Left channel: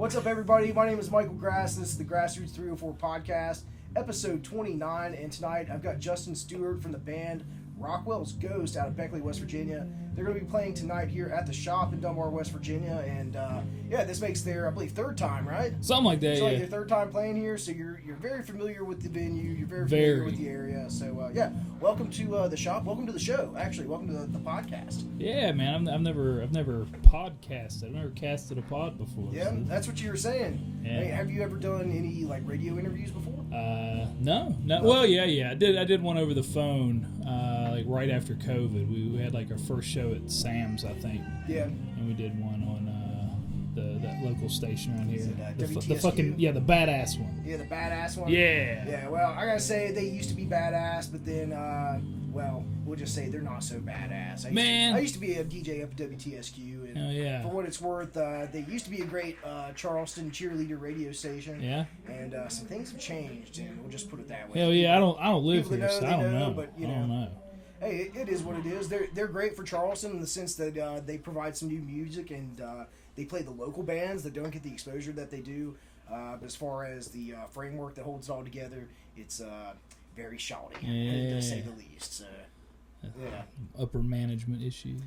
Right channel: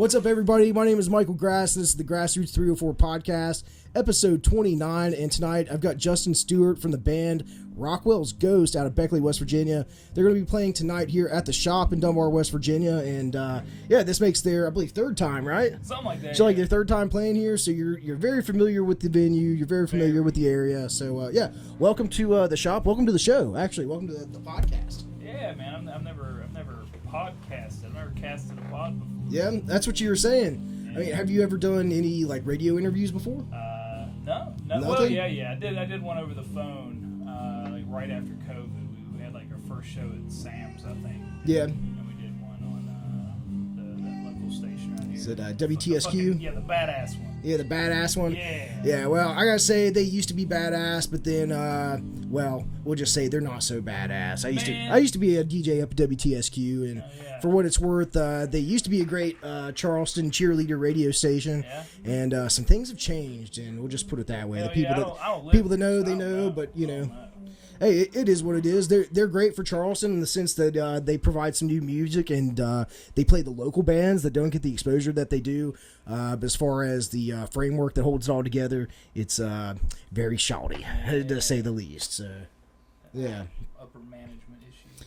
What's up, everybody? My name is Michael Grass. This is the Grassroots 304 podcast, episode 29. And tonight I've got Justin Stewart from the band Rockwell's Ghost out of Beckley, West Virginia. They're going to be playing tonight here at the shop in Dunbar, West Virginia. And this makes their, I believe, third time, right? Something like that. So like your third time playing here. So you're very familiar with the venue. You're very familiar with the area. So welcome to the shop. Welcome to the show. Actually, welcome to the podcast. Yeah, man. I've never podcasted. I've never casted a pod before. Yeah, that's what you were saying. Yeah. I mean, have you ever done any like radio interviews before? No. Nothing? Well, yeah. I did one over the phone, like right after COVID. We had like our first show at Sam's, I think. Yeah. And we did one on that local station around here. Is it WTSQ? The badass one. Yeah, the badass one. Yeah. Yeah. Well, I gotta say they used to be badass, but then we'll just say they're not so badass. I used to be a DJ up at WTSQ, and for what it's worth, they used to be a great Charleston cheerleader radio station. Yeah. And some things have changed, and we'll just put it that way. Hell yeah, I don't live people here, that know, so they I don't know, but you know. know. Hey, it is what it is. They're great for Charleston in the sense that they provide some new music and they play the local bands that don't get the exposure that they do. But as far as the framework that holds it all together, it's very shouty, to say the least. So, yeah. Upper management issues.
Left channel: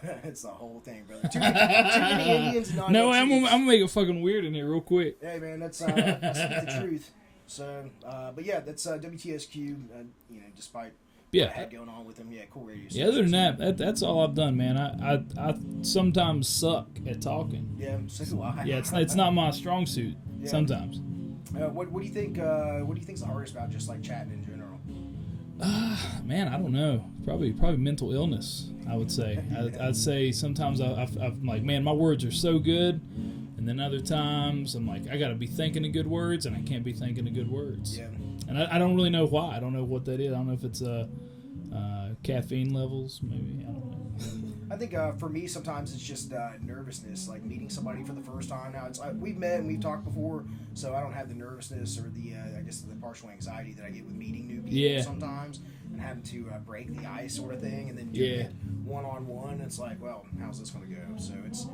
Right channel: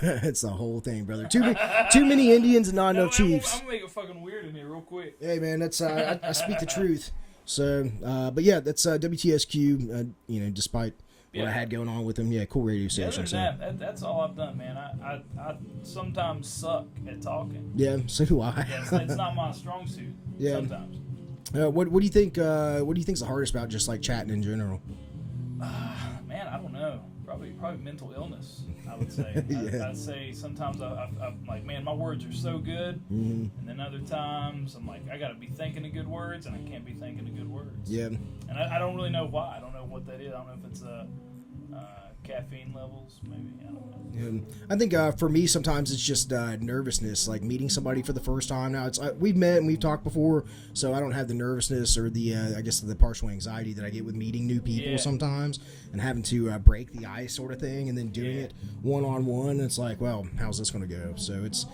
It's the whole thing, brother. Too many Indians and not enough Chiefs. I'm gonna make it fucking weird in here real quick. Hey, man, that's I speak the truth. So, but yeah, that's WTSQ. Despite what I had going on with them, cool radio station. Other than that's all I've done, man. I sometimes suck at talking. Yeah, so do I. Yeah, it's not my strong suit. Yeah. Sometimes. What do you think? What do you think's the hardest about just like chatting in general? Man, I don't know. Probably mental illness, I would say. I'd say sometimes I'm like, man, my words are so good. Mm-hmm. And then other times I'm like, I got to be thinking of good words, and I can't be thinking of good words. Yeah. And I don't really know why. I don't know what that is. I don't know if it's caffeine levels, maybe. I don't know. I think for me sometimes it's just nervousness, like meeting somebody for the first time. Now we've met and we've talked before, so I don't have the nervousness or the I guess the partial anxiety that I get with meeting new people sometimes and having to break the ice sort of thing, and then doing it one-on-one. It's like, well, how's this going to go? So it's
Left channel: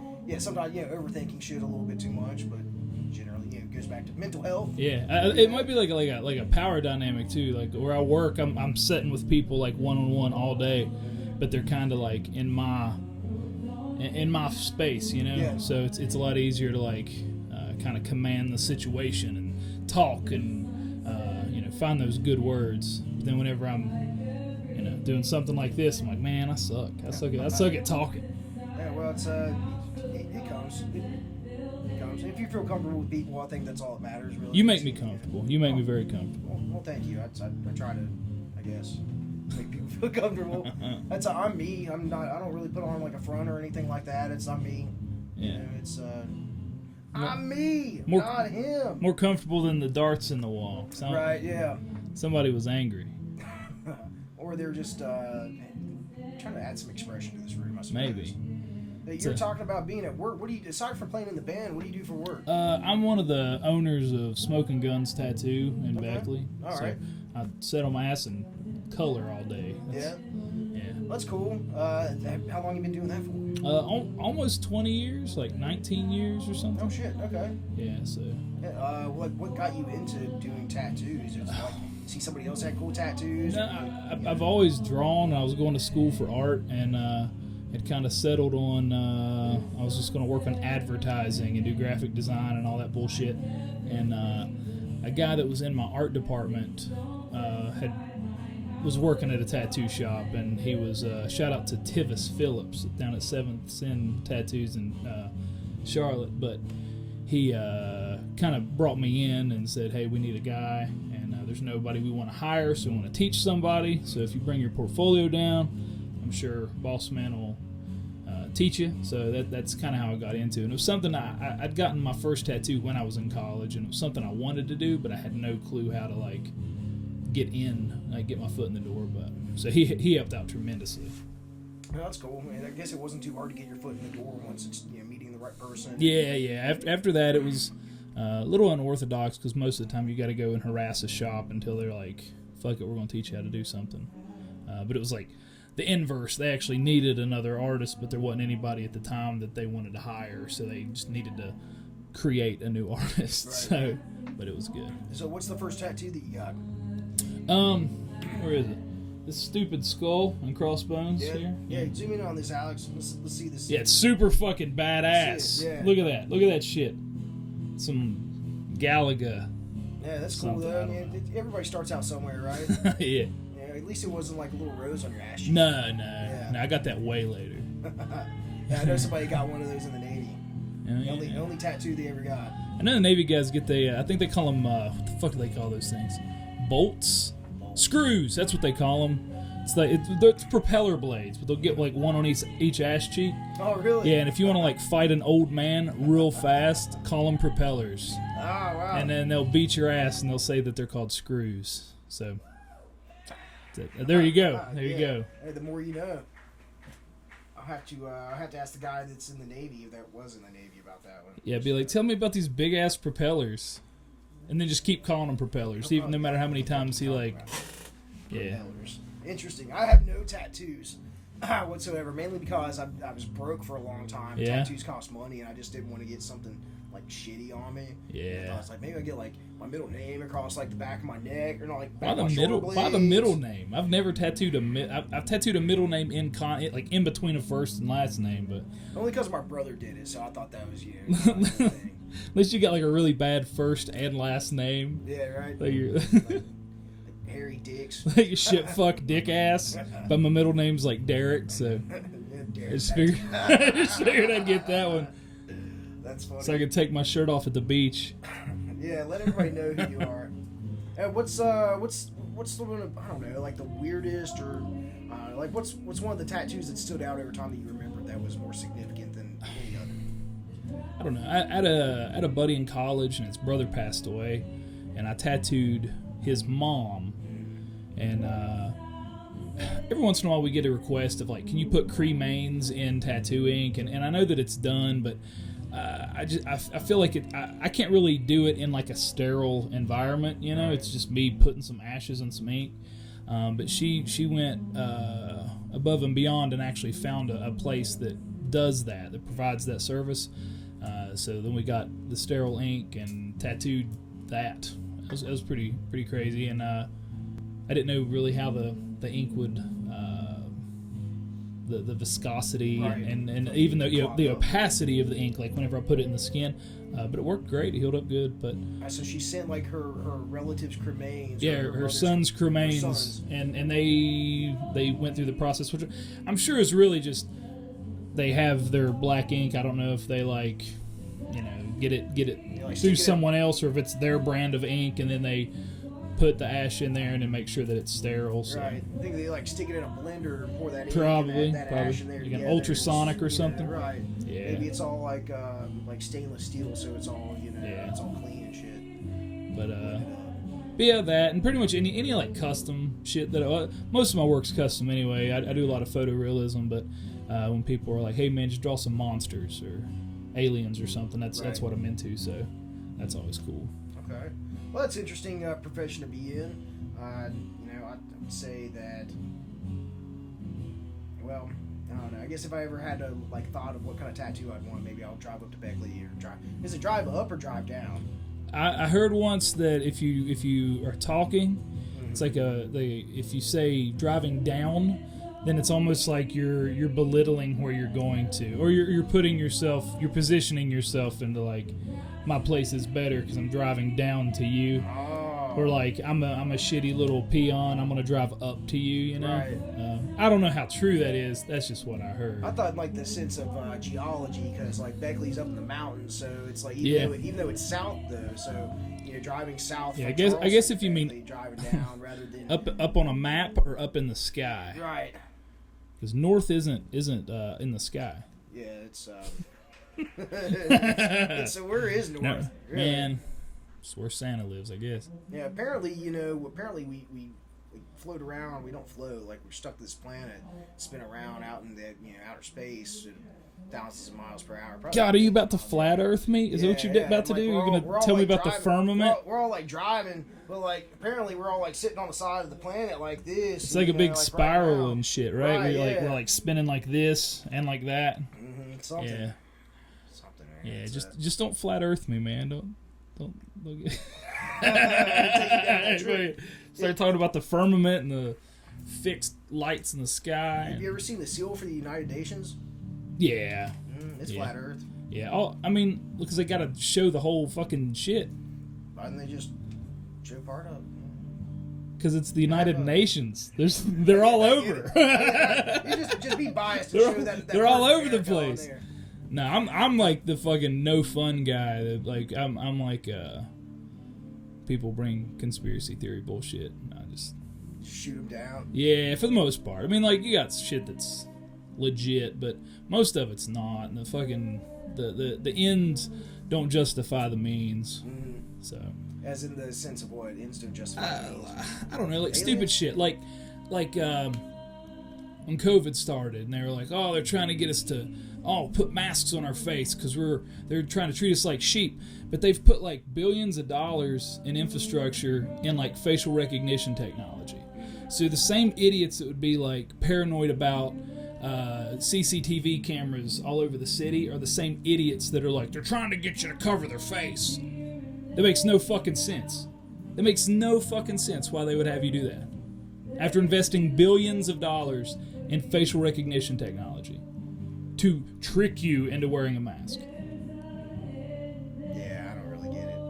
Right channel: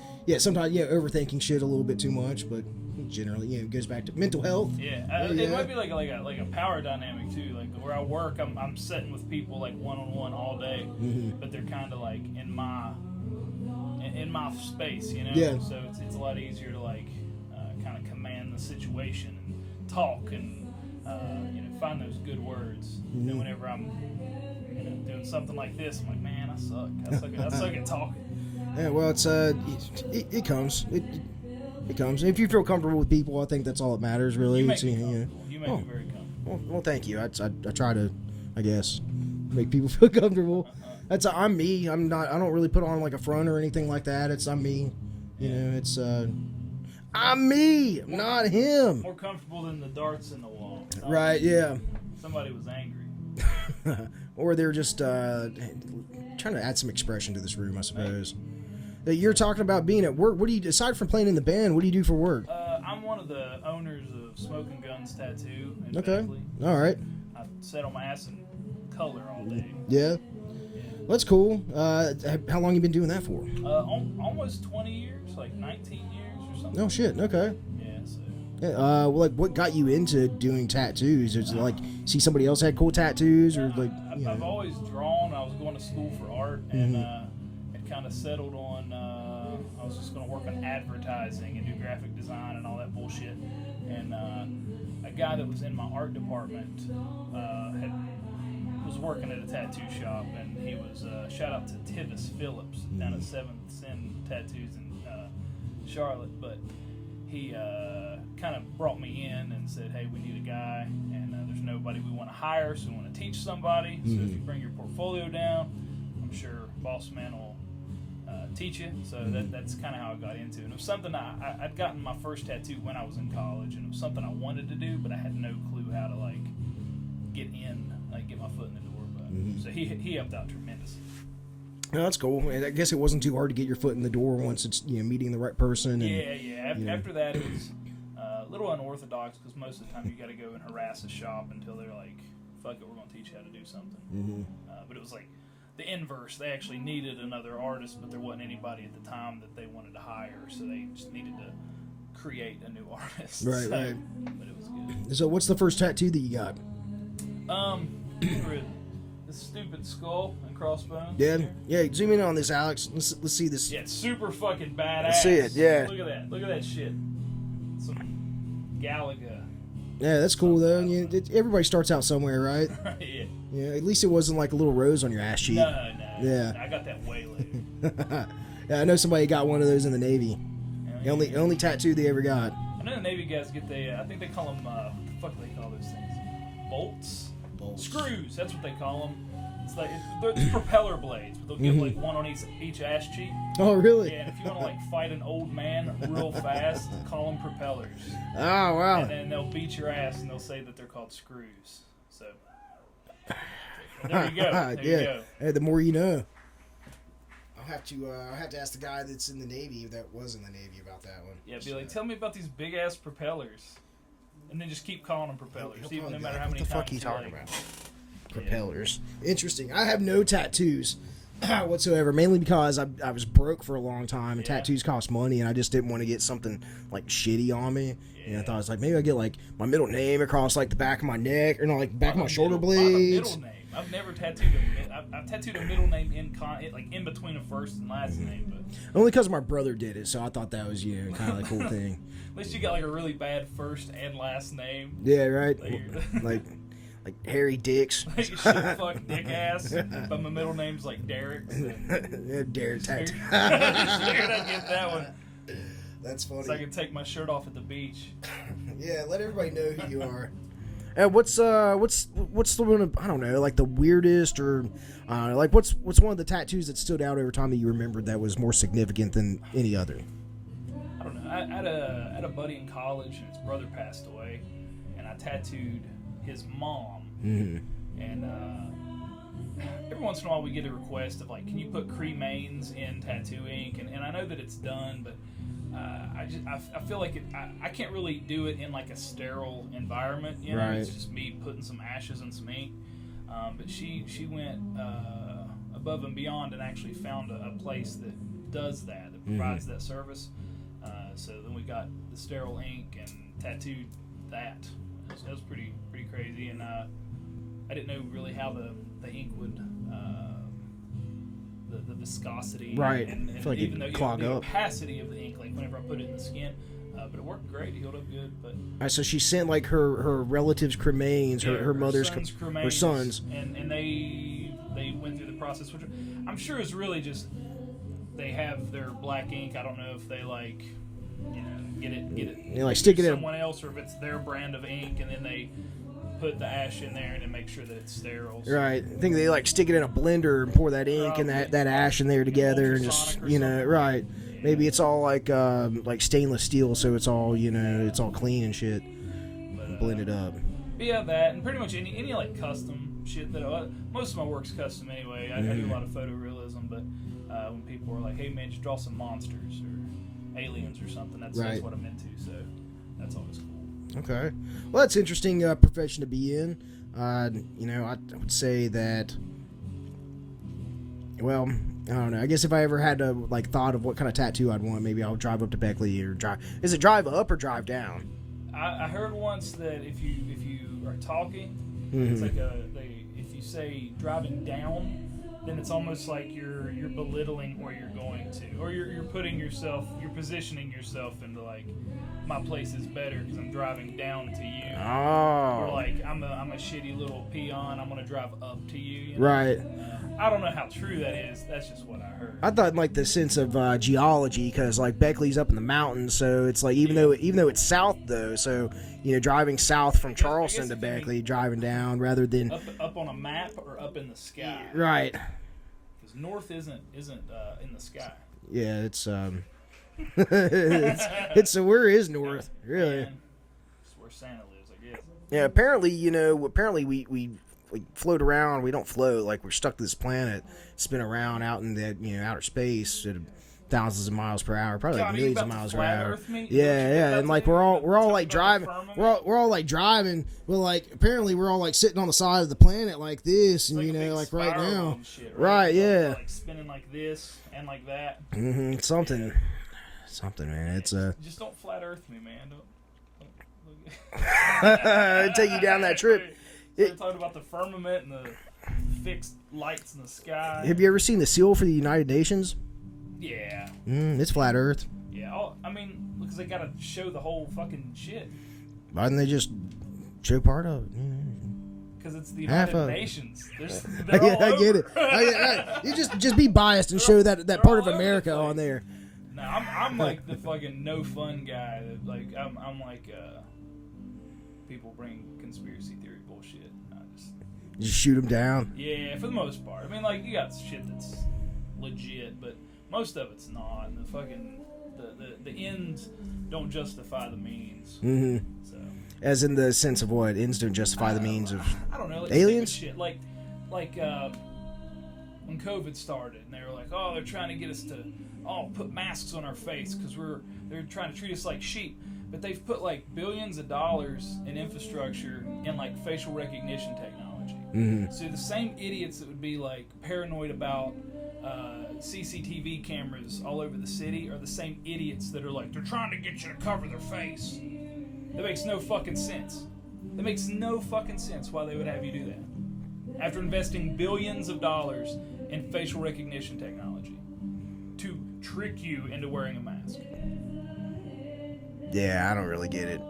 sometimes overthinking shit a little bit too much, but generally it goes back to mental health. It might be like a power dynamic too, like where I work, I'm sitting with people like one-on-one all day, but they're kind of like in my space, so it's a lot easier to like kind of command the situation and talk and find those good words. And then whenever I'm doing something like this, I'm like, man, I suck at talking. Yeah, well, it's it comes. It comes. If you feel comfortable with people, I think that's all that matters, really. You make me comfortable. You make me very comfortable. Well, thank you. I try to, I guess, make people feel comfortable. I'm me. I don't really put on like a front or anything like that. I'm me. It's I'm me, not him. More comfortable than the darts in the wall. Right? Yeah. Somebody was angry. Or they're just trying to add some expression to this room, I suppose. Maybe. You're talking about being at work. What do you, aside from playing in the band, what do you do for work? I'm one of the owners of Smoking Guns Tattoo in Beckley. All right. I sit on my ass and color all day. Yeah. That's cool. How long you been doing that for? Almost 20 years, like 19 years or something. Oh shit. Okay. Yeah. So. What got you into doing tattoos? Is it like see somebody else had cool tattoos? I've always drawn. I was going to school for art, and it kind of settled on I was just going to work on advertising and do graphic design and all that bullshit. And a guy that was in my art department was working at a tattoo shop, and he was shout out to Tivis Phillips down at 7th Sin Tattoos in Charlotte. But he kind of brought me in and said, hey, we need a guy, and there's nobody we want to hire, so we want to teach somebody. So if you bring your portfolio down, I'm sure Boss Man will teach you. So that's kind of how I got into it. And it was something I'd gotten my first tattoo when I was in college, and it was something I wanted to do, but I had no clue how to like get my foot in the door. But so he helped out tremendously. No, that's cool. I guess it wasn't too hard to get your foot in the door once it's meeting the right person. After that, it was a little unorthodox because most of the time you got to go and harass a shop until they're like, "Fuck it, we're going to teach you how to do something." But it was like the inverse. They actually needed another artist, but there wasn't anybody at the time that they wanted to hire, so they just needed to create a new artist. Right, So, right. but it was good. So what's the first tattoo that you got? Where is it? This stupid skull and crossbones. Yeah, here. yeah. Zoom in on this, Alex. Let's see this. Yeah, it's super fucking badass. Let's see it, yeah. Look at that. Look at that shit. Some Galaga. Yeah, that's cool though. Yeah, everybody starts out somewhere, right? Yeah. Yeah. At least it wasn't like a little rose on your ass cheek. No. Yeah. No, I got that way later. Yeah, I know somebody got one of those in the Navy. Yeah, The only tattoo they ever got. I know the Navy guys get the. I think they call them. What the fuck do they call those things? Bolts. Screws. That's what they call them. It's like they're propeller blades, but they'll get like one on each ass cheek. Oh, really? Yeah, and if you want to like fight an old man real fast, call them propellers. Oh, wow. And then they'll beat your ass and they'll say that they're called screws. So there you go. There you go. Hey, the more you know. I'll have to ask the guy that's in the Navy, that was in the Navy, about that one. Yeah, be like, tell me about these big ass propellers, and then just keep calling them propellers, even no matter how many times you like. Propellers. Interesting. I have no tattoos whatsoever, mainly because I was broke for a long time. And tattoos cost money, and I just didn't want to get something like shitty on me. Yeah. And I thought, I was like, maybe I get like my middle name across like the back of my neck, or not like back of my shoulder blades. By the middle name. I've never tattooed I've tattooed a middle name like in between a first and last name, but only because my brother did it, so I thought that was kind of a cool thing. At least you got like a really bad first and last name. Yeah, right. Like Harry Dicks. Like shit fuck dick ass. But my middle name's like Derek, so Derek. Figured I'd get that one. That's funny. So I could take my shirt off at the beach. Yeah, let everybody know who you are. And what's the one of, I don't know, like the weirdest, or like what's one of the tattoos that stood out over time that you remembered that was more significant than any other? I don't know. I had a buddy in college, and his brother passed away, and I tattooed his mom. And every once in a while we get a request of like, can you put cremains in tattoo ink, and I know that it's done, but I feel like I can't really do it in like a sterile environment, you know. Right. It's just me putting some ashes and some ink, but she went above and beyond and actually found a place that does that provides that service. So then we got the sterile ink and tattooed that. It was pretty crazy, and I didn't know really how the ink would the viscosity, right, and like even though the opacity of the ink, like whenever I put it in the skin, but it worked great. It healed up good. But so she sent like her relatives' cremains, her mother's son's cremains, her sons, and they went through the process, which I'm sure is really just they have their black ink. I don't know if they like, get it like through someone else, or if it's their brand of ink, and then they put the ash in there and then make sure that it's sterile. So. Right. I think they like stick it in a blender and pour that ink and that ash in there together. Ultrasonic or something. Right. Yeah. Maybe it's all like stainless steel, so it's all it's all clean and shit. But blend it up. But yeah, that, and pretty much any like custom shit that most of my work's custom anyway. I do a lot of photorealism, but when people are like, "Hey man, just draw some monsters or aliens or something," that's what I'm into. So that's always cool. Okay. Well, that's an interesting profession to be in. I would say that, well, I don't know. I guess if I ever had to, like, thought of what kind of tattoo I'd want, maybe I would drive up to Beckley or drive. Is it drive up or drive down? I heard once that if you are talking, it's like if you say driving down, then it's almost like you're belittling where you're going to, or you're positioning yourself into like, my place is better because I'm driving down to you. Oh. Or like I'm a shitty little peon, I'm gonna drive up to you. Right. I don't know how true that is. That's just what I heard. I thought like the sense of geology, because like Beckley's up in the mountains, so it's like even though it's south though, so driving south from Charleston, I guess if to Beckley, you mean driving down rather than up on a map or up in the sky. Right. Because north isn't in the sky. Yeah, it's it's where is north? No, really? Man, it's where Santa lives, I guess. Yeah, apparently we float around. We don't float, like we're stuck to this planet, spin around out in the outer space at thousands of miles per hour. Probably. God, are you about to flat Earth me? Is that what you're about and to like do? we're all like driving. We're all like driving. But like apparently we're all like sitting on the side of the planet like this. It's like a big spiral and shit, right? Right, we're like spinning like this and like that. Mm-hmm, something. Yeah. something, man. Yeah, It's just don't flat Earth me, man. Don't get... take you down that trip. Start talking about the firmament and the fixed lights in the sky. Have you ever seen the seal for the United Nations? Yeah. It's flat Earth. Yeah. I mean, because they got to show the whole fucking shit. Why didn't they just show part of it? Because it's the United Nations. They're all over. I get it. You just be biased and show that part of America on there. No, I'm like the fucking no fun guy. That like I'm like people bring conspiracy theory bullshit. And I just shoot them down. Yeah, for the most part. I mean, like you got shit that's legit, but most of it's not. And the fucking the ends don't justify the means. Mm-hmm. So. As in the sense of what? Ends don't justify the means of... I don't know, like aliens? stupid shit. Like when COVID started and they were like, oh, they're trying to get us to put masks on our face because they're trying to treat us like sheep. But they've put like billions of dollars in infrastructure in like facial recognition technology. Mm-hmm. So the same idiots that would be like paranoid about CCTV cameras all over the city are the same idiots that are like, they're trying to get you to cover their face. That makes no fucking sense. That makes no fucking sense why they would have you do that. After investing billions of dollars in facial recognition technology to trick you into wearing a mask. Yeah, I don't really get it.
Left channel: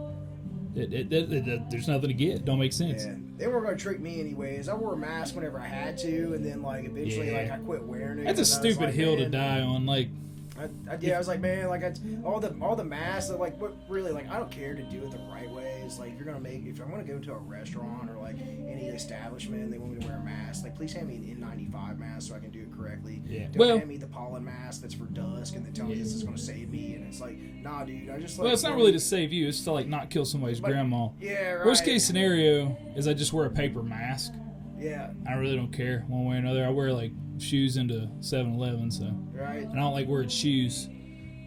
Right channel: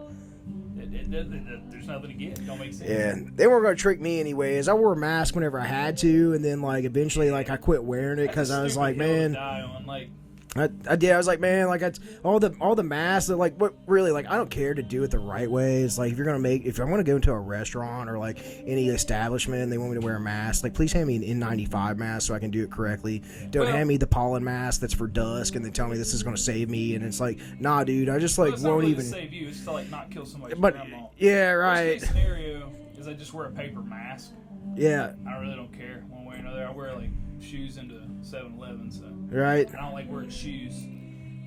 There's nothing to get. Don't make sense. Yeah, they weren't going to trick me anyways. I wore a mask whenever I had to, and then like eventually like I quit wearing it because I was like, hill man, to die on. Like, I did. I was like, man, like all the masks. Like, what really? Like, I don't care to do it the right way. It's like if I want to go into a restaurant or like any establishment and they want me to wear a mask, like please hand me an N95 mask so I can do it correctly. Yeah. Don't hand me the pollen mask that's for dusk and then tell me this is going to save me. And it's like, nah, dude. I just like. Well, it's not really to save you. It's to like not kill somebody's grandma. Yeah, right. Worst case scenario is I just wear a paper mask. Yeah. I really don't care one way or another. I wear like shoes into 7-Eleven, so right. And I don't like wearing shoes,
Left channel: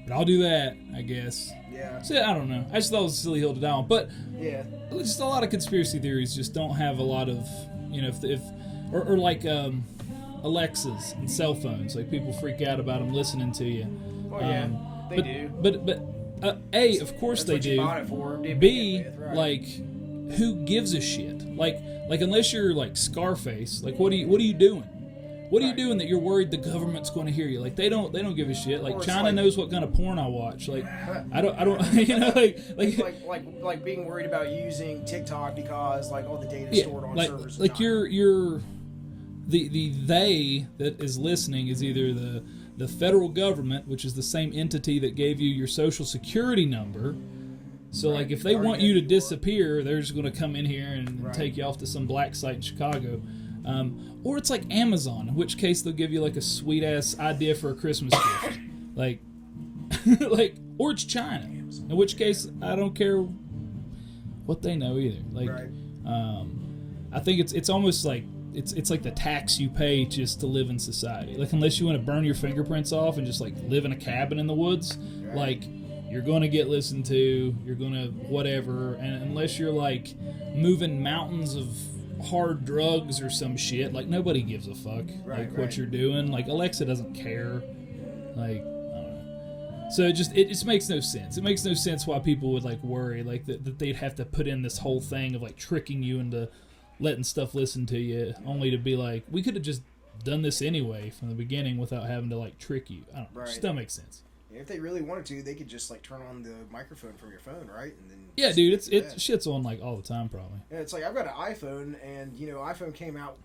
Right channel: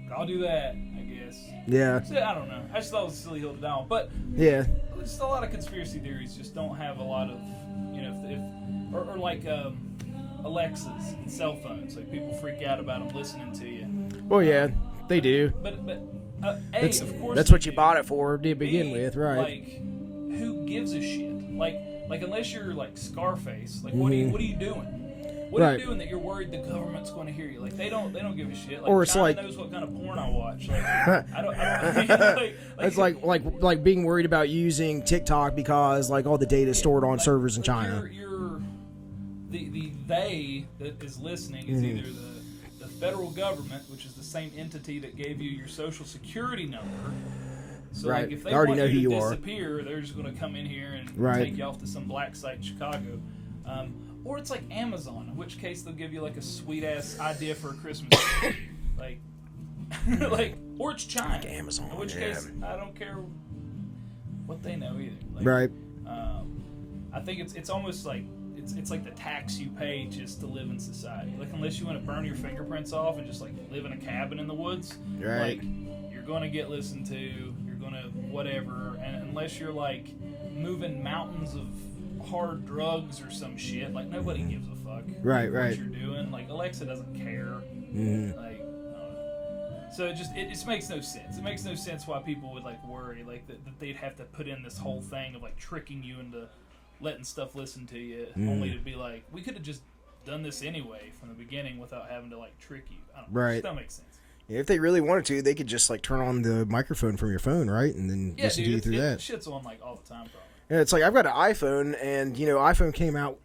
but I'll do that, I guess. Yeah. So I don't know. I just thought it was a silly hill to die on, but yeah, just a lot of conspiracy theories just don't have a lot of or like Alexas and cell phones. Like people freak out about them listening to you. Well, yeah, they do. But of course that's they what do. You bought it for to begin with, right? Like, who gives a shit? Like unless you're like Scarface, like what are you doing? What are you doing that you're worried the government's going to hear you? Like they don't give a shit. Like or China knows what kind of porn I watch. Like I don't. You know, it's like being worried about using TikTok because like all the data is stored on servers in China. You're the they that is listening is either the federal government, which is the same entity that gave you your social security number. So like if they want you to disappear, they're just going to come in here and take you off to some black site in Chicago. Or it's like Amazon, in which case they'll give you like a sweet ass idea for a Christmas gift, like, or it's China, like Amazon. In which case I don't care what they know either. Like, right. I think it's almost like it's like the tax you pay just to live in society. Like unless you want to burn your fingerprints off and just like live in a cabin in the woods, like you're gonna get listened to. You're gonna whatever, and unless you're like moving mountains of hard drugs or some shit, like nobody gives a fuck what you're doing. Like Alexa doesn't care. Like so it just makes no sense. It makes no sense why people would like worry like that they'd have to put in this whole thing of like tricking you into letting stuff listen to you only to be like, we could have just done this anyway from the beginning without having to like trick you. I don't know. It just doesn't make sense. Yeah, if they really wanted to, they could just like turn on the microphone from your phone, right? And then shit's on like all the time, probably. Yeah, it's like I've got an iPhone, and iPhone came out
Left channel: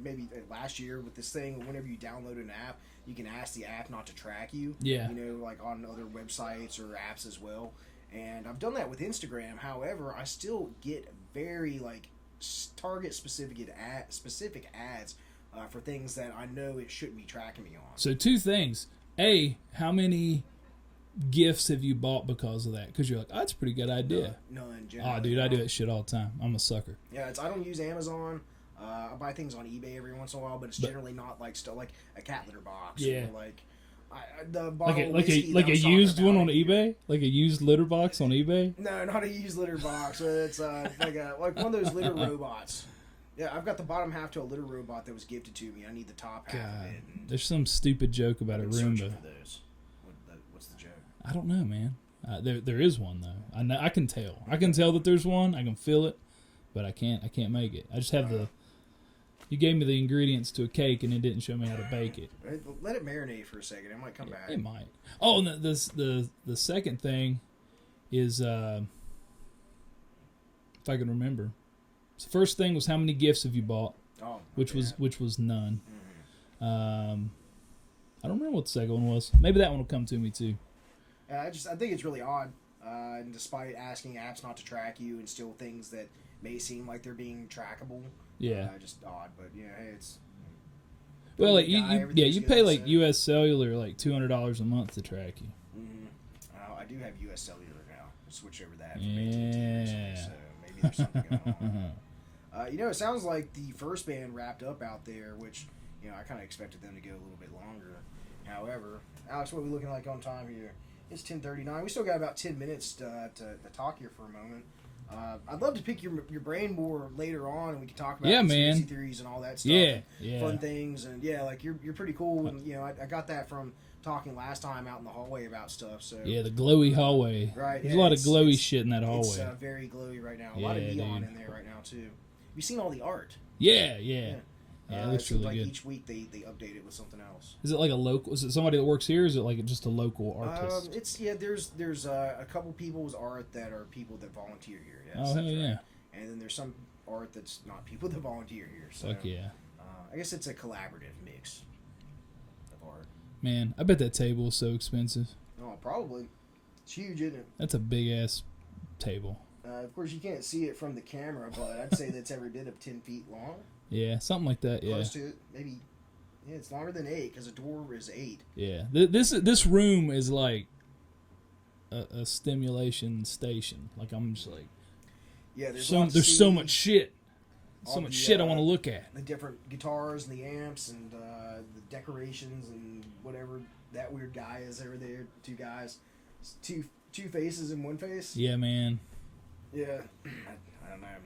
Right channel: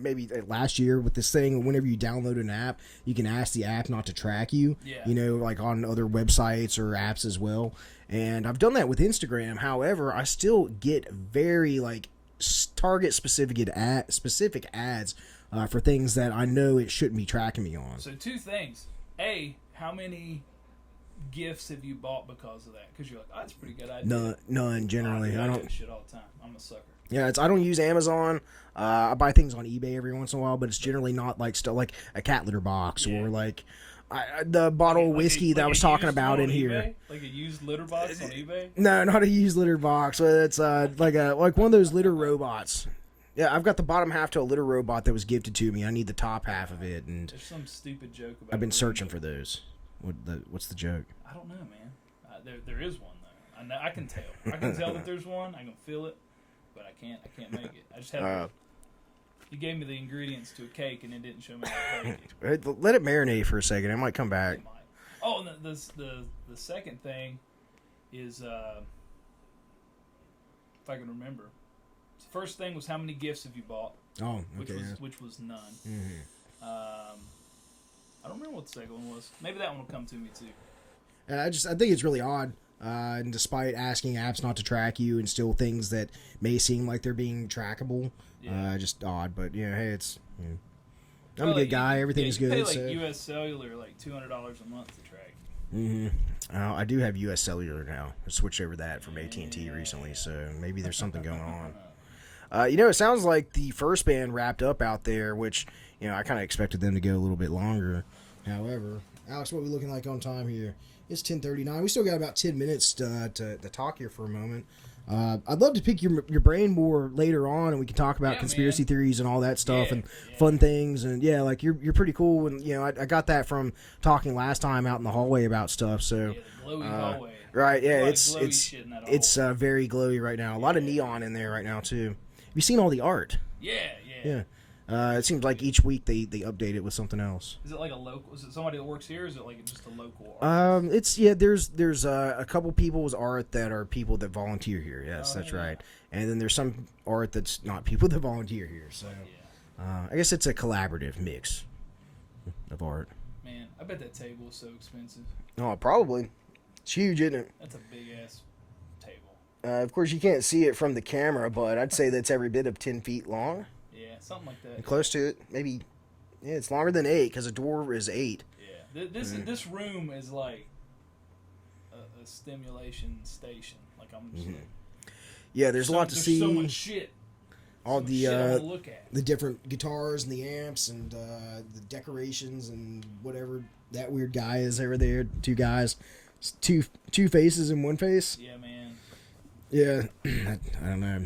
maybe last year with this thing. Whenever you download an app, you can ask the app not to track you. Yeah. Like on other websites or apps as well. And I've done that with Instagram. However, I still get very like target specific ads for things that I know it shouldn't be tracking me on. So two things. A, how many gifts have you bought because of that? Because you're like, oh, that's a pretty good idea. None generally. Dude, I do that shit all the time. I'm a sucker. Yeah, I don't use Amazon. I buy things on eBay every once in a while, but it's generally not like stuff like a cat litter box or like the bottle of whiskey that I was talking about in here. eBay? Like a used litter box on eBay? No, not a used litter box. It's like one of those litter robots. Yeah, I've got the bottom half to a litter robot that was gifted to me. I need the top half of it. And there's some stupid joke about. I've been searching for those. What's the joke? I don't know, man. There is one though. I know, I can tell. I can tell that there's one. I can feel it, but I can't make it. I just have You gave me the ingredients to a cake and it didn't show me how to bake it. Let it marinate for a second. It might come back. It might. Oh, and the second thing is if I can remember. The first thing was how many gifts have you bought? Oh, okay, which was none. Mm-hmm. I don't remember what the second one was. Maybe that one will come to me too. I think it's really odd. And despite asking apps not to track you and still things that may seem like they're being trackable, just odd. But hey, it's well, like, everything's you good. pay like U.S. Cellular like $200 a month to track you. Mm-hmm. I do have U.S. Cellular now. I switched over that from AT&T recently, so maybe there's something going on. It sounds like the first band wrapped up out there, which I kind of expected them to go a little bit longer. However, Alex, what are we looking like on time here? It's 10:39. We still got about 10 minutes to talk here for a moment. I'd love to pick your brain more later on, and we can talk about conspiracy theories and all that stuff and fun things. And like you're pretty cool. And I got that from talking last time out in the hallway about stuff. So the glowy hallway, right? Yeah, a lot of glowy shit in that hallway. It's very glowy right now. A lot of neon in there right now too. Have you seen all the art? Yeah. It seems like each week they update it with something else. Is it like a local? Is it somebody that works here? Or is it like just a local artist? There's a couple people's art that are people that volunteer here. Yes, that's right. And then there's some art that's not people that volunteer here. So I guess it's a collaborative mix of art. Man, I bet that table is so expensive. Oh, probably. It's huge, isn't it? That's a big ass table. Of course, you can't see it from the camera, but I'd say that's every bit of 10 feet long. Yeah, something like that. Close to it, maybe. Yeah, it's longer than 8 because a door is 8. Yeah, this room is like a stimulation station. Like I'm just like, there's a lot to see. There's so much shit. So much shit I want to look at. The different guitars and the amps and the decorations and whatever that weird guy is over there. 2 guys, two faces in one face. Yeah, man. Yeah, I don't know.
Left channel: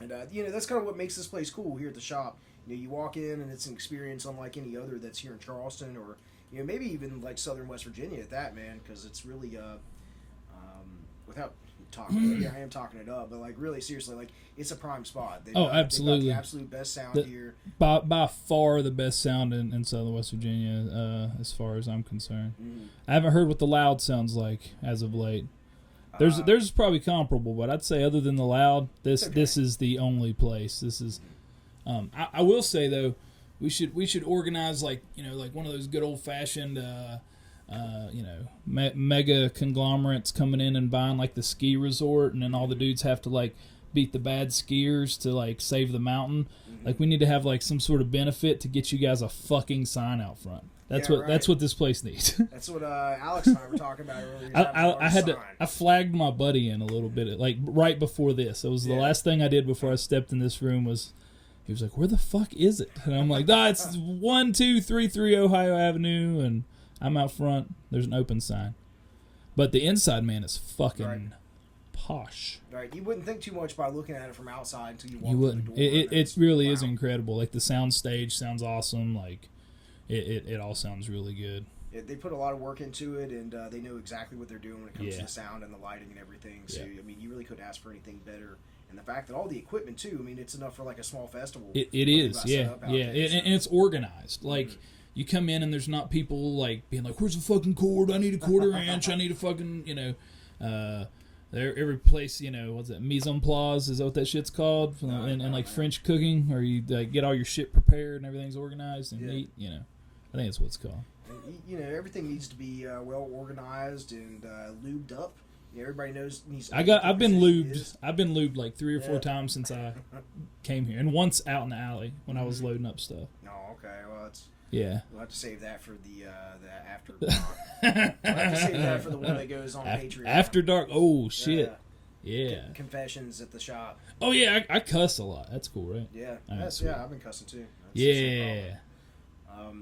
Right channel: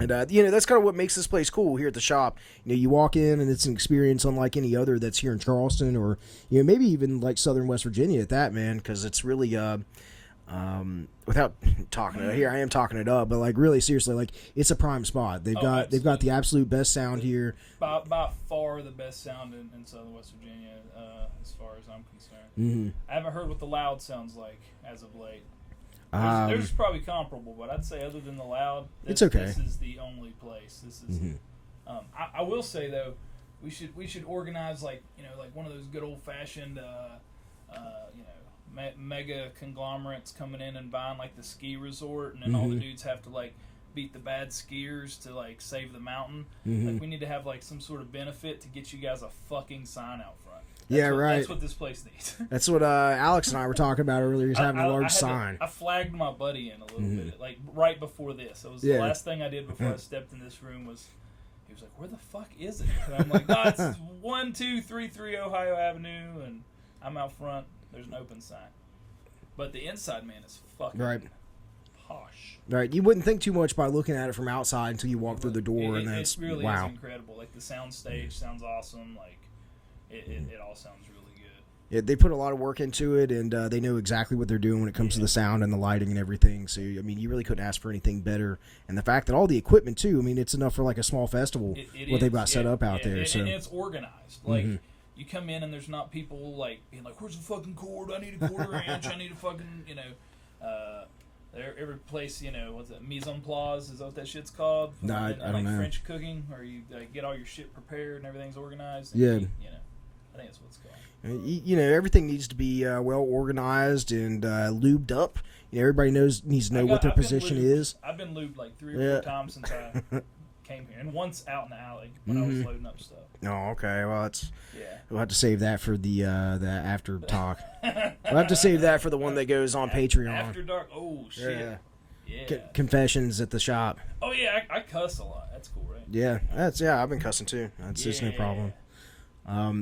And, that's kind of what makes this place cool here at the shop. You walk in and it's an experience unlike any other that's here in Charleston or, maybe even like Southern West Virginia at that, man, because it's really, without talking it, here I am talking it up, but like really seriously, like it's a prime spot. They've got the absolute best sound here. By far the best sound in Southern West Virginia, as far as I'm concerned. Mm-hmm. I haven't heard what the Loud sounds like as of late. There's probably comparable, but I'd say other than the Loud, this is the only place. This is. Mm-hmm. I will say though, we should organize like one of those good old fashioned mega conglomerates coming in and buying like the ski resort, and then all the dudes have to like beat the bad skiers to like save the mountain. Mm-hmm. Like we need to have like some sort of benefit to get you guys a fucking sign out front. That's what this place needs. That's what Alex and I were talking about earlier. Having a large sign. I flagged my buddy in a little bit, like right before this. It was the last thing I did before I stepped in this room. He was like, "Where the fuck is it?" And I'm like, "No, it's 12330 Ohio Avenue," and I'm out front. There's an open sign, but the inside, man, is fucking posh. Right, you wouldn't think too much by looking at it from outside until you walk through the door. It really is incredible. Like the sound stage sounds awesome. Like. It all sounds really good. Yeah, they put a lot of work into it, and they know exactly what they're doing when it comes to the sound and the lighting and everything. So, I mean, you really couldn't ask for anything better. And the fact that all the equipment, too, I mean, it's enough for like a small festival. What they've got set up out there. And it's organized. Like, you come in and there's not people, like, being like, where's the fucking cord? I need a 1/4 inch. I need a fucking, every place, what's that, mise en place, is that what that shit's called? And like know. French cooking, where you get all your shit prepared and everything's organized. And I think that's what it's called. Everything needs to be well organized and lubed up. Everybody needs to know what their position is. I've been lubed like 3 or 4 times since I came here, and once out in the alley when I was loading up stuff. Oh, okay. Well, we'll have to save that for the after talk. We'll have to save that for the one that goes on Patreon. After dark. Oh shit. Yeah. Confessions at the shop. Oh yeah, I cuss a lot. That's cool, right? Yeah, I've been cussing too. That's no problem.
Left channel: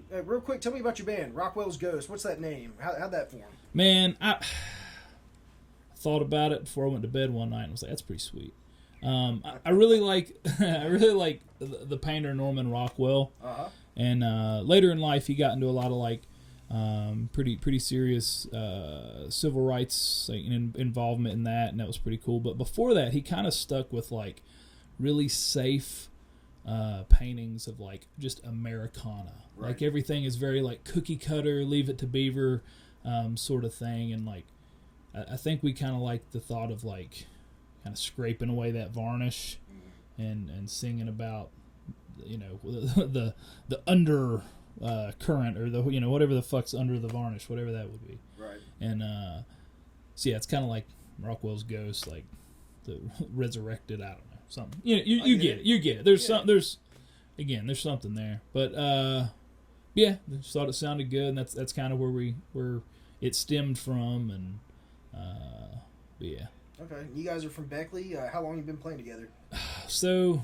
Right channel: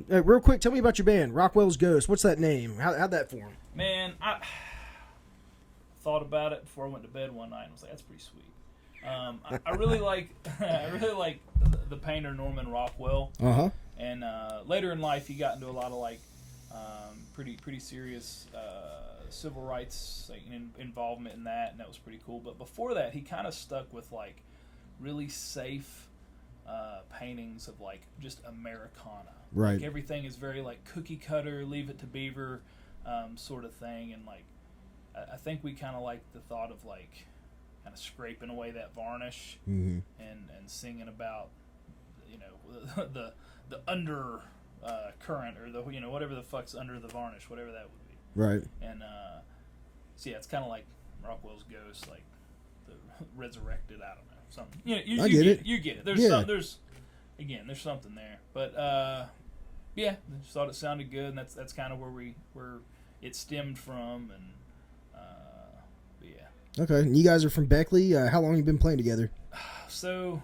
Real quick, tell me about your band, Rockwell's Ghost. What's that name? How'd that form? Man, I thought about it before I went to bed one night and was like, that's pretty sweet. I really like the painter Norman Rockwell. Uh-huh. And later in life, he got into a lot of like Pretty serious civil rights involvement in that, and that was pretty cool. But before that, he kind of stuck with like really safe paintings of like just Americana. Right. Like everything is very like cookie cutter, Leave It to Beaver sort of thing, and like I think we kind of like the thought of like kind of scraping away that varnish and singing about the under current or the whatever the fuck's under the varnish, whatever that would be. Right. And so yeah, it's kind of like Rockwell's ghost, like the resurrected. I don't know, something. You get it. There's there's something there, but yeah, I just thought it sounded good, and that's kind of where it stemmed from, and yeah. Okay, you guys are from Beckley. How long have you been playing together? So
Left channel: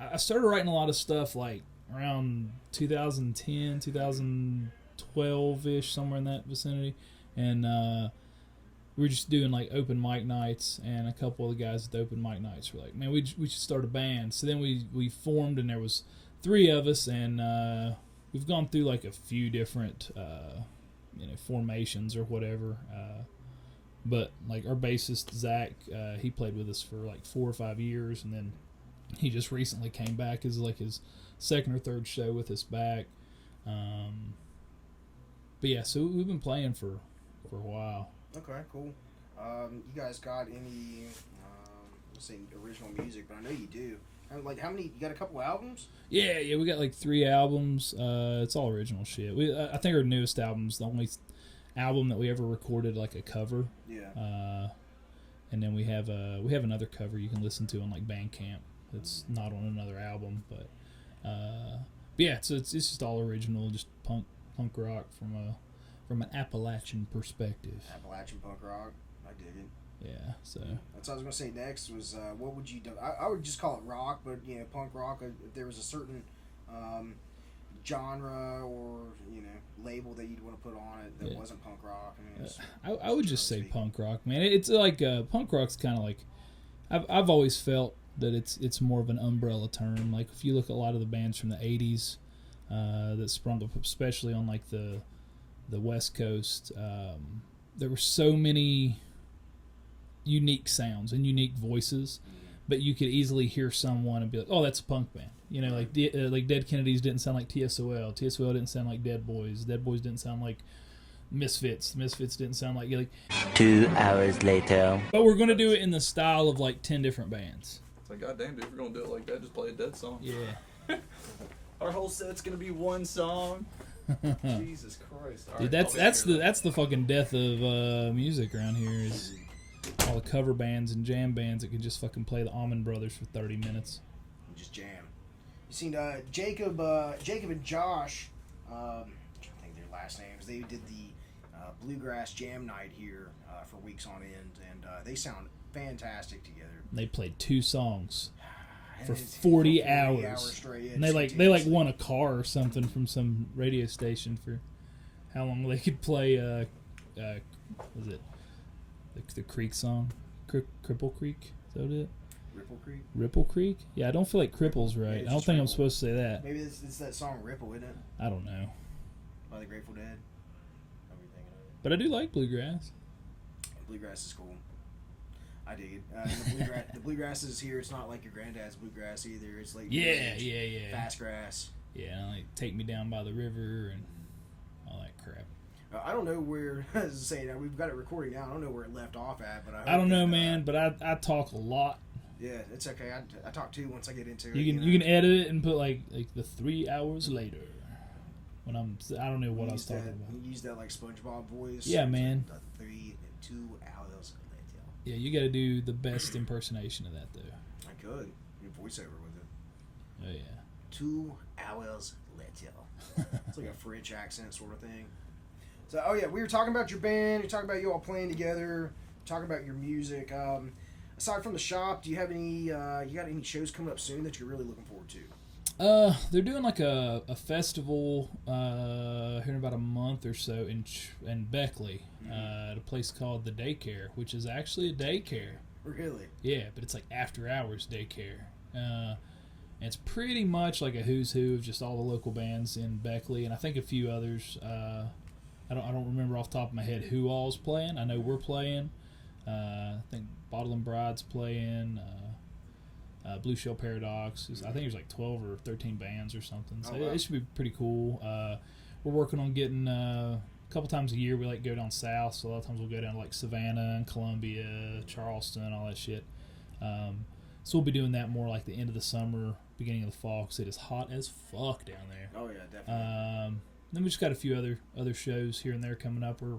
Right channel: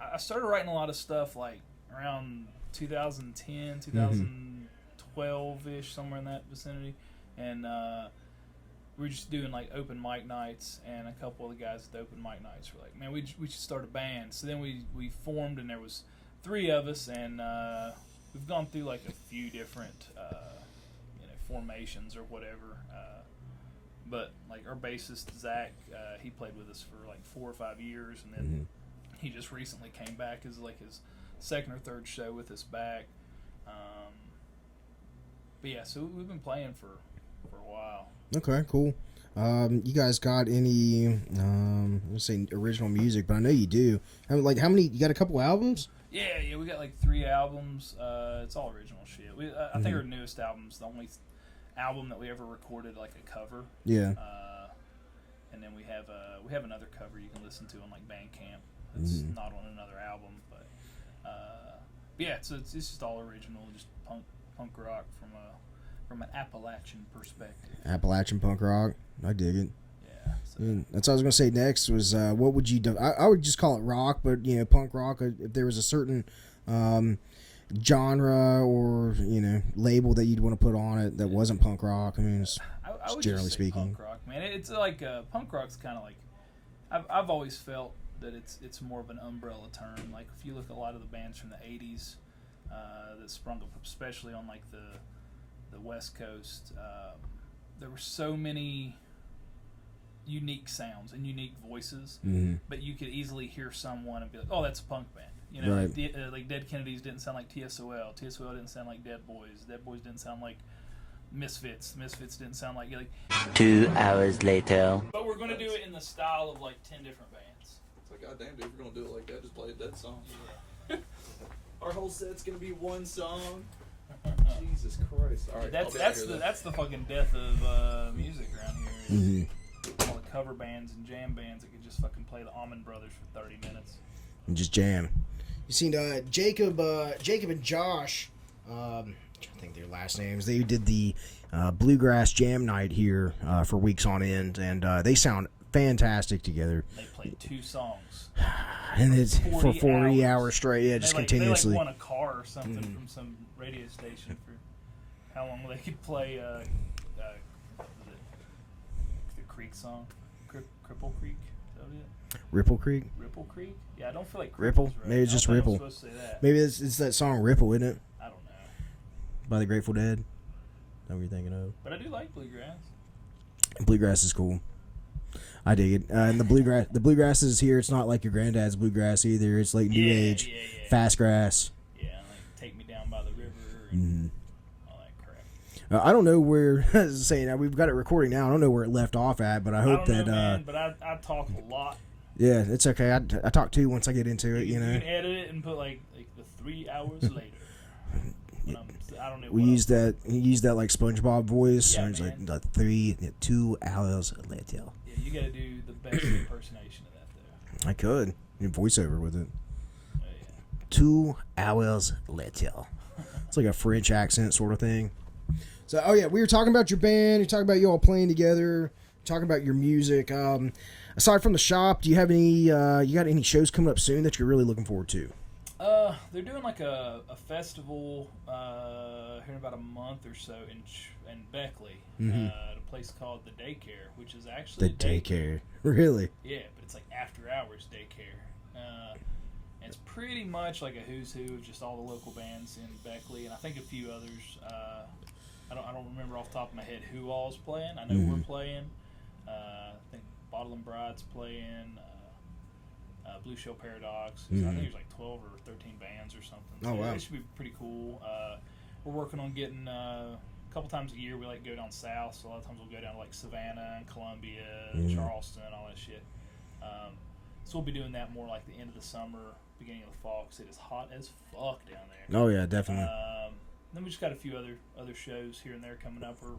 I started writing a lot of stuff like around 2010, 2012-ish, somewhere in that vicinity. And we were just doing like open mic nights, and a couple of the guys at the open mic nights were like, man, we should start a band. So then we formed, and there was 3 of us, and we've gone through like a few different formations or whatever. But like our bassist, Zach, he played with us for like 4 or 5 years, and then he just recently came back as like his second or third show with us back. But yeah, so we've been playing for a while. Okay, cool. You guys got any let's say original music? But I know you do. How many? You got a couple albums? Yeah, we got like 3 albums. It's all original shit. I think our newest album's the only album that we ever recorded like a cover. Yeah. And then we have another cover you can listen to on like Bandcamp. It's not on another album, but yeah, so it's just all original, just punk rock from an Appalachian perspective. Appalachian punk rock, I dig it. Yeah, so that's what I was gonna say next was what would you do? I would just call it rock, but punk rock. If there was a certain genre or label that you'd want to put on it that wasn't punk rock, I mean, I would just say punk rock, man. It's like punk rock's kind of like I've always felt that it's more of an umbrella term. Like if you look at a lot of the bands from the 80s that sprung up, especially on like the West Coast, there were so many unique sounds and unique voices, but you could easily hear someone and be like, oh, that's a punk band. Right. Like Dead Kennedys didn't sound like TSOL. TSOL didn't sound like Dead Boys. Dead Boys didn't sound like Misfits. Misfits didn't sound like 2 hours later. But we're gonna do it in the style of like 10 different bands. It's like, goddamn, dude, if we're gonna do it like that, just play a Dead song. Yeah. Our whole set's gonna be one song. Jesus Christ! Dude, that's the fucking death of music around here. Is all the cover bands and jam bands that can just fucking play the Allman Brothers for 30 minutes and just jam. You seen Jacob and Josh? I'm trying to think their last names. They did the bluegrass jam night here for weeks on end, and they sound fantastic together. They played 2 songs. And it's 40 hours straight. Yeah, just continuously. They won a car or something from some radio station for how long they could play. Was it the Creek song? Cripple Creek? Is that it? Ripple Creek? Ripple Creek? Yeah, I don't feel like Cripple's right. Maybe it's just I don't Ripple. think I'm supposed to say that. Maybe it's that song Ripple, isn't it? I don't know. By the Grateful Dead. That's what you're thinking of. But I do like bluegrass. Bluegrass is cool. I dig it. And the bluegrass is here. It's not like your granddad's bluegrass either. It's like new age, fast grass. Yeah, like Take Me Down by the River and all that crap. I don't know where. Saying we've got it recording now. I don't know where it left off at, but I hope I don't know, man. But I talk a lot. Yeah, it's okay. I talk too once I get into it. You can edit it and put like the 3 hours later. I don't know. We use that. You use that like SpongeBob voice. Yeah, man. Like 2 hours later. Yeah, you got to do the best impersonation of that, though. I could. You voiceover with it. Oh yeah. 2 hours later. It's like a French accent sort of thing. So, oh yeah, we were talking about your band. You're talking about you all playing together. Talking about your music. Aside from the shop, do you have any? You got any shows coming up soon that you're really looking forward to? They're doing like a festival here in about a month or so in Beckley at a place called the Daycare, which is actually the daycare. Really? Yeah, but it's like after hours daycare, And it's pretty much like a who's who of just all the local bands in Beckley, and I think a few others. I don't remember off the top of my head who all's playing. I know we're playing. I think Bottle and Bride's playing. Blue Shell Paradox. I think there's like 12 or 13 bands or something. So it should be pretty cool. We're working on getting a couple times a year. We like go down south, so a lot of times we'll go down to like Savannah and Columbia, Charleston, all that shit. So we'll be doing that more like the end of the summer, beginning of the fall, because it is hot as fuck down there. Oh yeah, definitely. Then we just got a few other shows here and there coming up. We're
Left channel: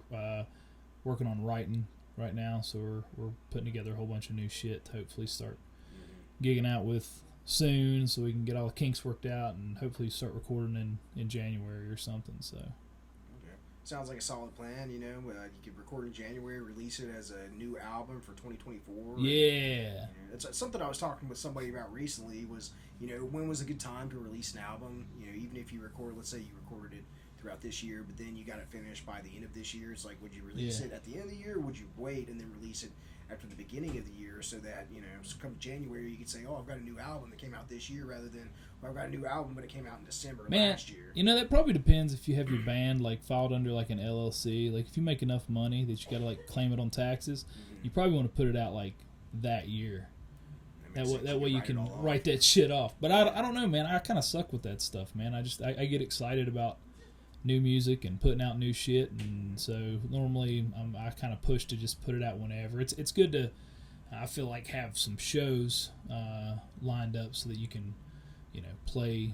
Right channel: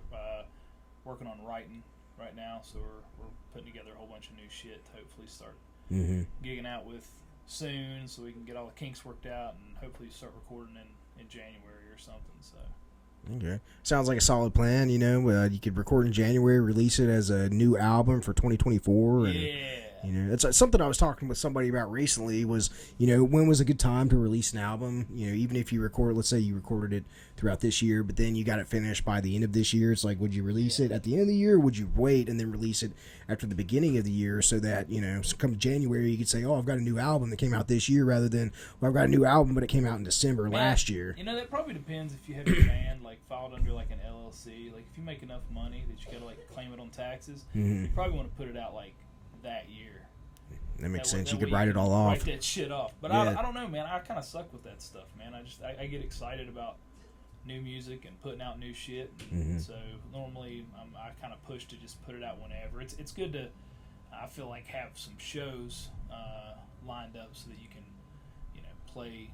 working on writing right now, so we're putting together a whole bunch of new shit to hopefully start gigging out with soon, so we can get all the kinks worked out and hopefully start recording in January or something. So okay, sounds like a solid plan. You know, you could record in January, release it as a new album for 2024. And, it's something I was talking with somebody about recently. Was when was a good time to release an album? Even if you record, let's say you recorded it throughout this year, but then you got it finished by the end of this year. It's like, would you release it at the end of the year? Or would you wait and then release it after the beginning of the year, so that so come January you could say, oh, I've got a new album that came out this year, rather than, well, I've got a new album but it came out in December last year. That probably depends if you have your band like filed under like an LLC. Like if you make enough money that you got to like claim it on taxes, you probably want to put it out like that year. That makes sense. You could write it all off. Write that shit off. But I don't know, man. I kind of suck with that stuff, man. I get excited about new music and putting out new shit, and so normally I kind of push to just put it out whenever. It's good to, I feel like, have some shows lined up so that you can play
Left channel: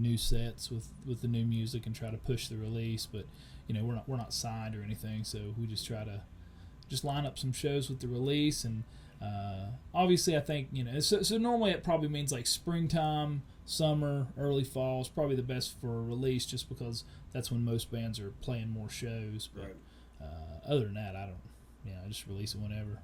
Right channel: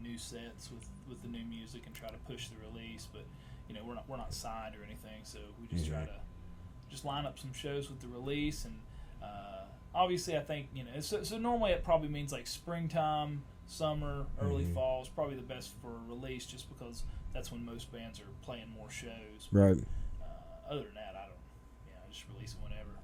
new sets with the new music and try to push the release. But we're not signed or anything, so we just try to just line up some shows with the release. And obviously I think so normally it probably means like springtime, summer, early fall is probably the best for a release, just because that's when most bands are playing more shows. Right. Other than that, I don't. I just release it whenever.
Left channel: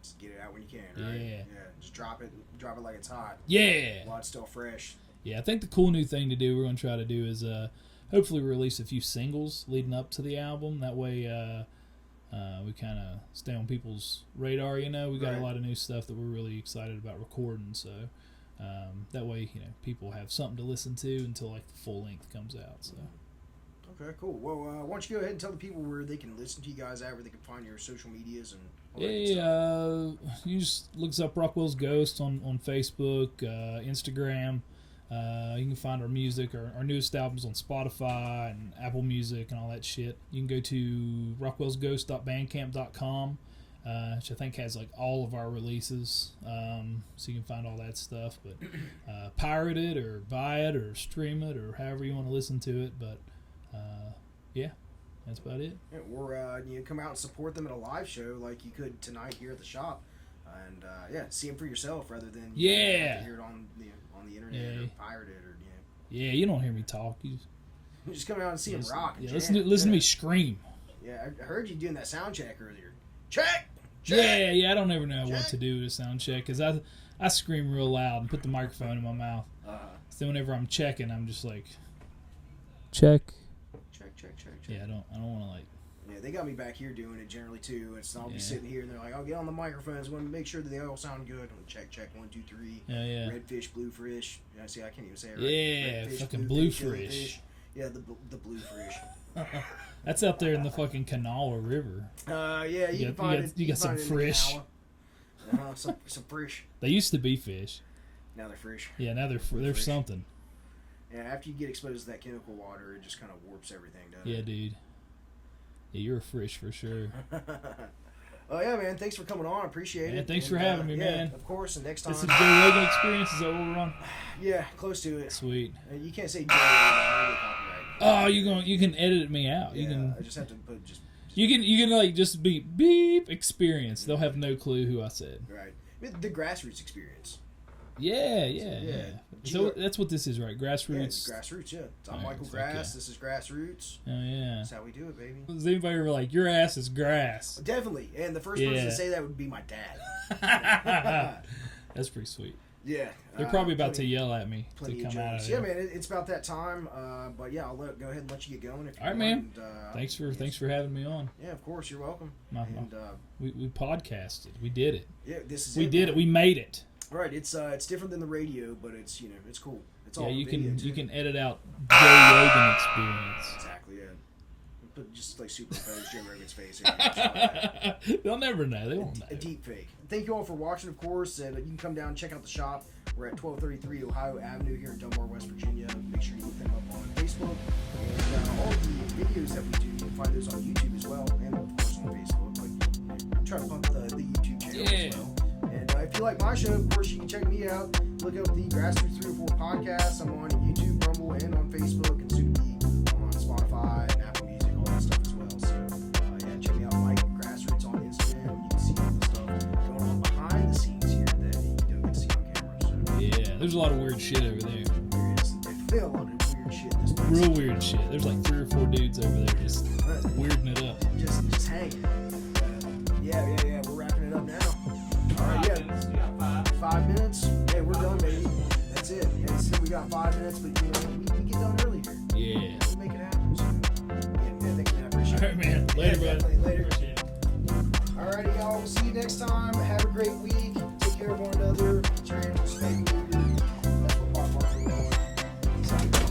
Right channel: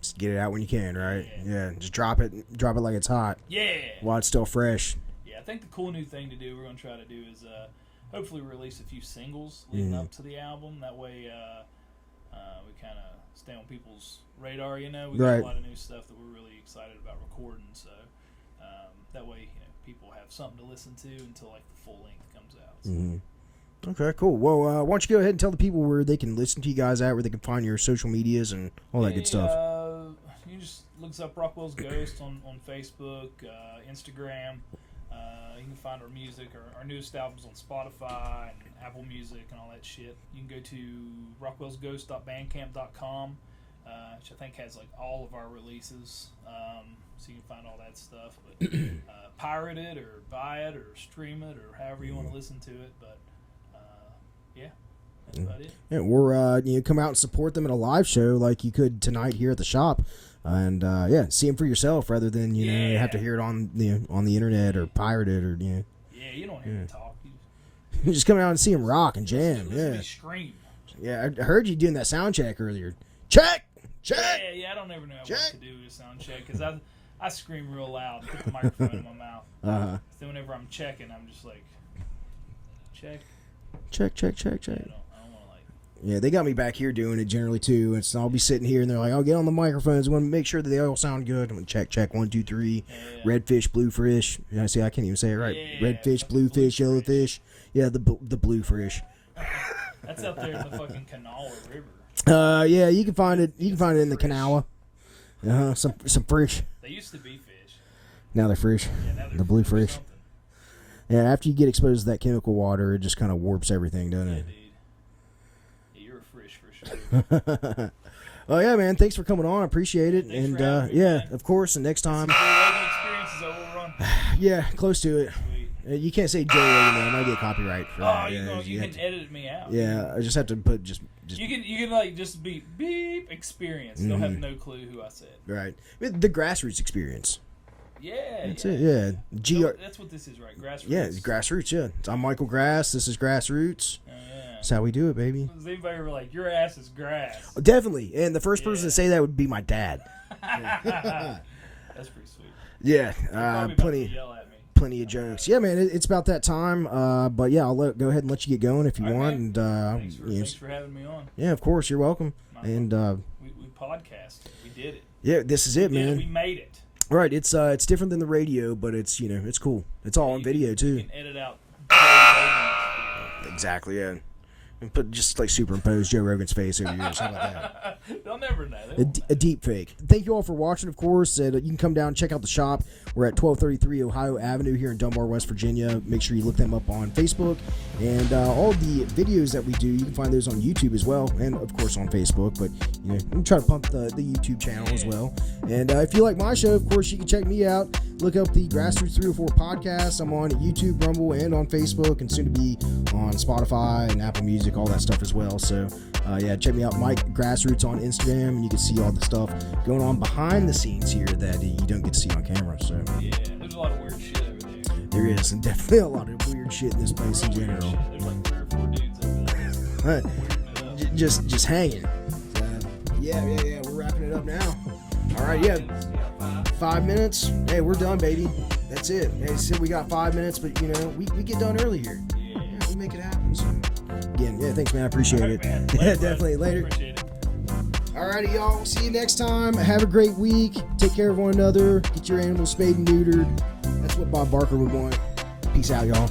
Just get it out when you can, right? Yeah. Just drop it like it's hot. Yeah. While it's still fresh. Yeah, I think the cool new thing to do, we're going to try to do, is hopefully release a few singles leading up to the album. That way we kind of stay on people's radar. We got a lot of new stuff that we're really excited about recording, so that way people have something to listen to until like the full length comes out. So. Okay, cool. Well, why don't you go ahead and tell the people where they can listen to you guys at, where they can find your social medias and all that good stuff. You just look us up Rockwell's Ghost on Facebook, Instagram. You can find our music, our newest albums on Spotify and Apple Music and all that shit. You can go to rockwellsghost.bandcamp.com, which I think has like all of our releases, so you can find all that stuff. But pirate it or buy it or stream it or however you want to listen to it. But yeah, that's about it. Yeah, or come out and support them at a live show like you could tonight here at the shop. And see them for yourself rather than you have to hear it on the internet or pirate it or Yeah, you don't hear me talk. You just come out and see them rock and jam. Listen to me scream. Yeah, I heard you doing that sound check earlier. Check. Yeah. I don't ever know what to do with a sound check because I scream real loud and put the microphone in my mouth. So whenever I'm checking, I'm just like check. Yeah, I don't want to like. Yeah, they got me back here doing it generally too. And so I'll be sitting here and they're like, "I'll get on the microphones. Want to make sure that they all sound good." I'm gonna check 1, 2, 3. Yeah. Redfish, bluefish. See, I can't even say it right. Yeah, redfish, bluefish, yellowfish. Yeah, the bluefish. That's up there in the fucking canal or river. Yeah, you can find it. You can find it in the canal. Some fish. They used to be fish. Now they're fish. Yeah, now they're bluefish. Something. Yeah, after you get exposed to that chemical water, it just kind of warps everything, doesn't it? Yeah, dude. Yeah, you're a fish for sure. Oh yeah, man! Thanks for coming on. I appreciate it. Thanks for having me, man. Of course. And next time, Joe Rogan experience, is that what we're on? Yeah, close to it. Sweet. You can't say Joe Rogan. There might be a copyright. You can edit me out. Yeah, I just have to put just. You can like just be beep experience. They'll have no clue who I said. Right. The Grassroots experience. Yeah, that's it. Yeah, that's what this is, right? Grassroots. Yeah, it's Grassroots. Yeah, I'm Michael Grass. This is Grassroots. Oh yeah, that's how we do it, baby. Does anybody ever like your ass is grass? Oh, definitely, and the first person to say that would be my dad. That's pretty sweet. Yeah, they're probably about to yell at me. Plenty of jokes. Yeah, man, it's about that time. But yeah, I'll go ahead and let you get going if you want. Man. And thanks for having me on. Yeah, of course, you're welcome. We podcasted. We did it. Yeah, this is it, man. We made it. Right, it's different than the radio, but it's it's cool. It's all on video too. You can edit out Joe Rogan experience. Exactly, yeah. And put just like superimpose Joe Rogan's face over here or something like that. They'll never know. A deep fake. Thank you all for watching, of course. And you can come down and check out the shop. We're at 1233 Ohio Avenue here in Dunbar, West Virginia. Make sure you look them up on Facebook. And all the videos that we do, you can find those on YouTube as well. And, of course, on Facebook. But, you can try to pump the YouTube channel as well. And if you like my show, of course, you can check me out. Look up the Grassroots 304 podcast. I'm on YouTube, Rumble, and on Facebook, and soon to be on Spotify and Apple Music, all that stuff as well. So, check me out, Mike Grassroots on Instagram, and you can see all the stuff going on behind the scenes here that you don't get to see on camera. So, yeah, there's a lot of weird shit over there. There is, and definitely a lot of weird shit in this place. Real weird shit. There's like 3 or 4 dudes over there just weirding it up. Just hanging. Yeah. We're wrapping it up now. All right, yeah. 5 minutes. Hey, we're done, baby. That's it. Hey, said we got 5 minutes, but we get done early here. Yeah. We make it happen. So, again, thanks, man. I appreciate it. Man. Later, definitely. Later. Alrighty, y'all. We'll see you next time. Have a great week. Take care of one another. Get your animals spayed and neutered. That's what Bob Barker would want. Peace out, y'all.